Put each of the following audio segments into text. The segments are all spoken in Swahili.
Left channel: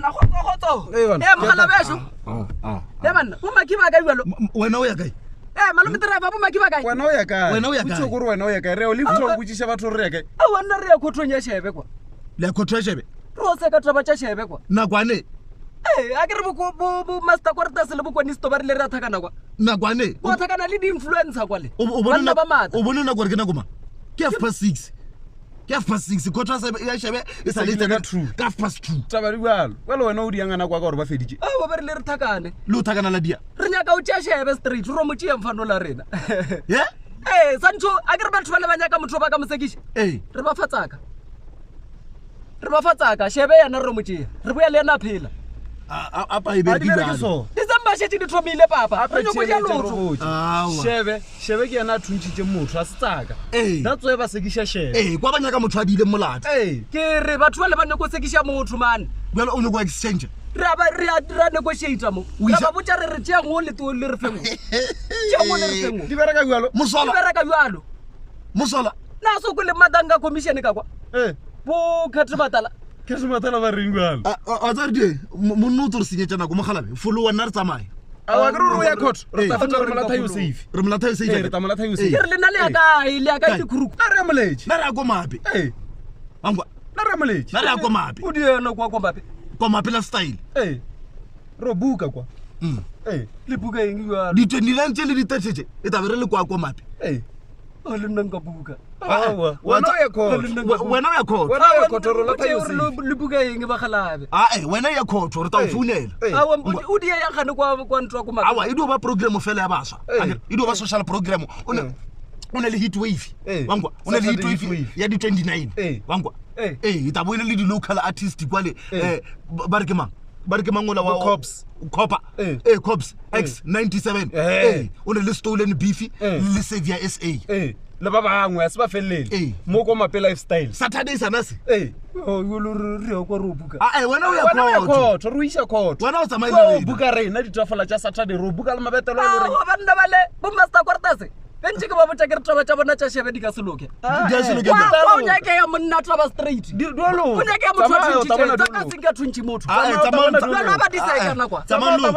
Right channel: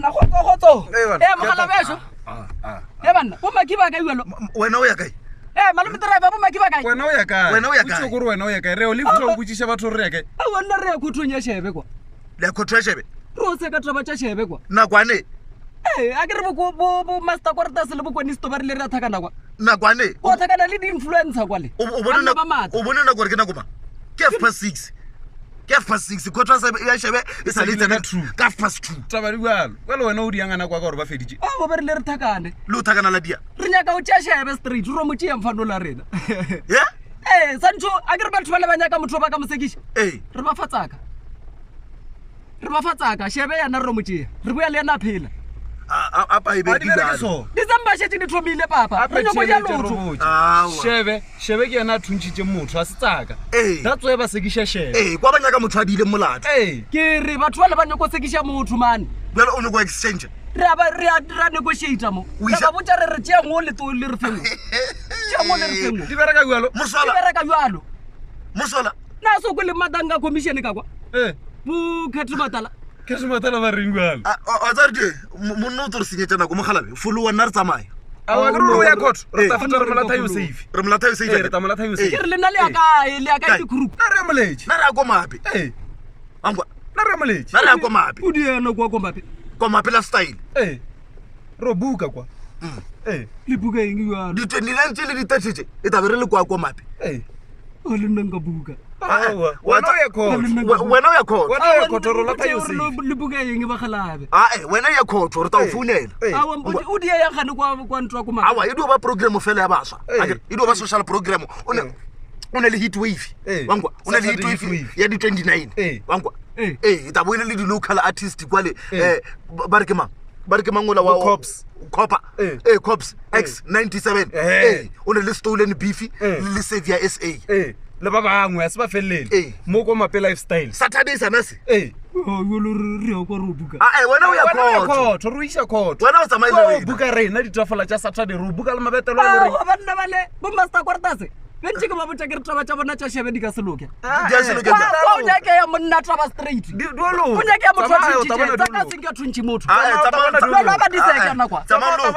bana khotso mogala besho banna bo makiba ka yalo wena o ya kae malome driver bo makiba kae wena o ya kae wena o ya kae o tshokoro wena o ya kae re o le fitho go tshisa batho re ya kae a wena re ya khothonya shebe kwa le khothonya shebe ro se ka taba tsa shebe kwa nakwane a ke re bo master quarters le bo kwanisto ba re le ra thakana kwa nakwane o thakana le di influencer kwa le o bona na gore ke na goma ke F6 khotwa ya shebe e sa le tsena ka F2 taba di balo wena wena o di yangana kwa gore ba feditse a ba re le re thakane le o thakana la dia re nyaka o tša shebe street ro mo tšea mfano la rena ye sancho a ke re batho ba le banyaka motho ba ka mosekisha re ba fatsaka shebe yana re mo tšea re boya le yana phela apa e be di balo December shetse di thomile papa re nyoko ya lotho shebe ke yana thuntshitse motho a se tsaka that's why ba sekisha shebe kwa banyaka motho a dile molata ke re batho ba le ba nyoko sekisha motho man bjalo o nyoko exchange re a negotiate mo re ba botsa re tšea ngo le to le re fengwe tšea ngo le re fengwe di bereka jalo mosola na so go le madanga commission ka kwa bo khathimatala ba reng jalo a tsa di monna o tlo senyetsa nako mogalabe folo wa nna re tsamaya a wa re o ya court re ta feta re molatha yo safe re ta molatha yo safe ke re lena le aka di khuruku na re moletsi na re a go mape angwa na re moletsi na re a go mape o di ena kwa mape la style ro buka kwa le buka eng jalo di 29 tse le di 30 e tabe re le kwa mape o le nna nka buka wena o ya court wena o ya court ro latha yo safe le buka eng ba khalabe wena ya court re ta o founela o di ya gane kwa ntwa kwa awa e dio ba program fela ya baswa e dio ba social program o ne le heat wave wangwa o ne le heat wave ya di 29 wangwa e ta boina le di local artist kwale ba re ke mangola wa cops cops X97 o ne le stolen beef le Savior SA le ba bangwe a se ba felele mo go mape lifestyle Saturday sanase yo lo re ya kwa ro buka wena o ya court ro isa court wena o tsamaile buka rena di trafola tsa Saturday ro buka le mabetelo le re bana bale bo master quarters bentse ke ba botsa ke re taba tsa bona tsa shebe di ka seloke di a seloke o nya ke ya monna taba straight dolo o nya ke ya motho tsa ka singa thunchi motho lo ba di seka na kwa tsamalo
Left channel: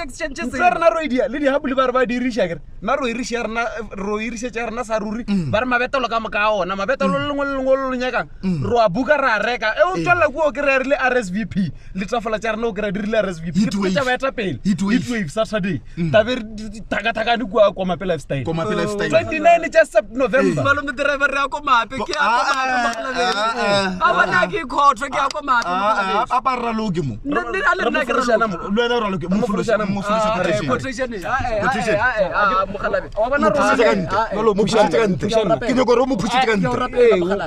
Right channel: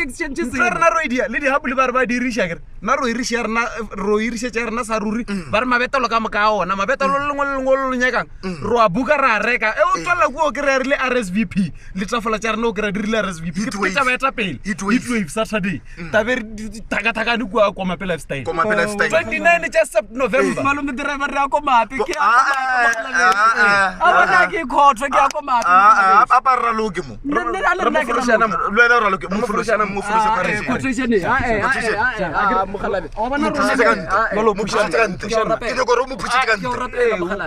exchange na roidia le di habuli ba re ba dirisha ke na ro irisha rena sa ruri ba re mabetelo ka moka ona mabetelo le lengwe le nyakang ro a buka ra reka o tswela go ke re le RSVP le trafola tsa rena o ke re dirile RSVP taba eta pele heat wave Saturday tabe thaka ni kwa mape lifestyle 29 just November malome driver ra ko mape ke a bona ke khotho ke a ko mape apa ra loke mo le na ke ra loke mo fulushana quotation mogalabe o bona ro mo pushitse ke ne go ro mo pushitse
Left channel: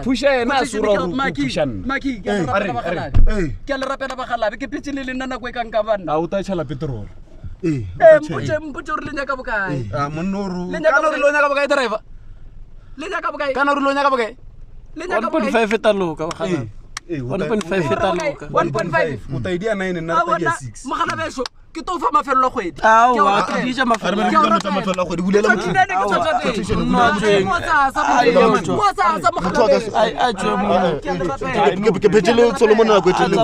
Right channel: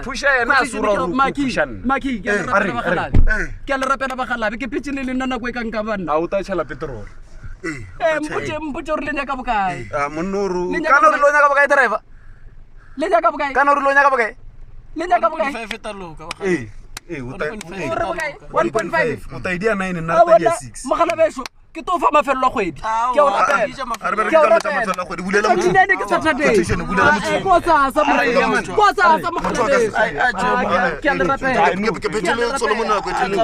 pusha ena sura maki ke le rapela bagalabe ke pitse le nna nako e kang ka bana tšhala petrol mpotse re le nyaka bokae monnoru kana re lo nyaka bokae driver le nyaka bokae kana re lo nyaka bokae le nyaka bokae 1.5 etaloka 1.5 etaloka 1.5 utaidia 9 na tadia 6 mogala besho ke to fa mafelo a kgwedi ke o dija mafelo a kgwedi bulela motho quotation bulela motho mo sa mogala ke petele Solomon na kwetele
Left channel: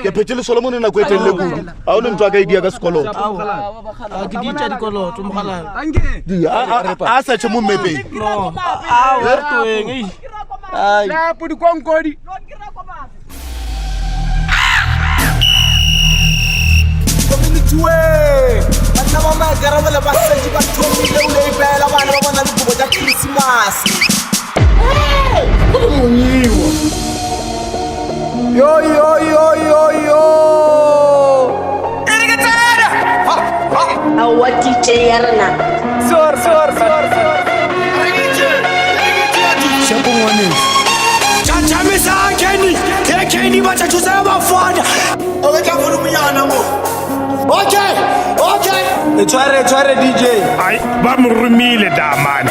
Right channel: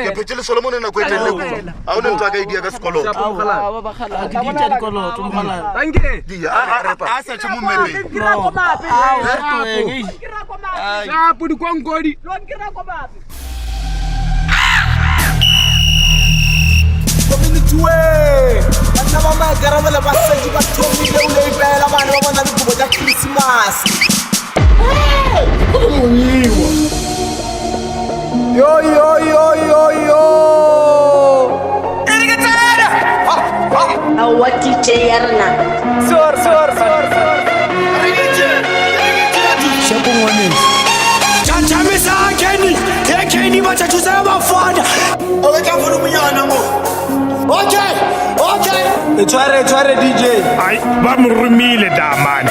ke petele Solomon na kwetele a o ne ntwa ka idea ka sekoloto ke dija dikoloto mogala ange a sa tshemo mepe ya pudi kwankodi community we bana ba magarabela ba setsi ba thomile o le ipela bana ba bona dikobo tsa Christmas go monyiwa yo erigetsana awa DJ yarna sor shapo ngwaneng chachamisa Kenny bacha thusa bafana o betla volumenyana mo okay tshware DJ ai ba mo rumile damane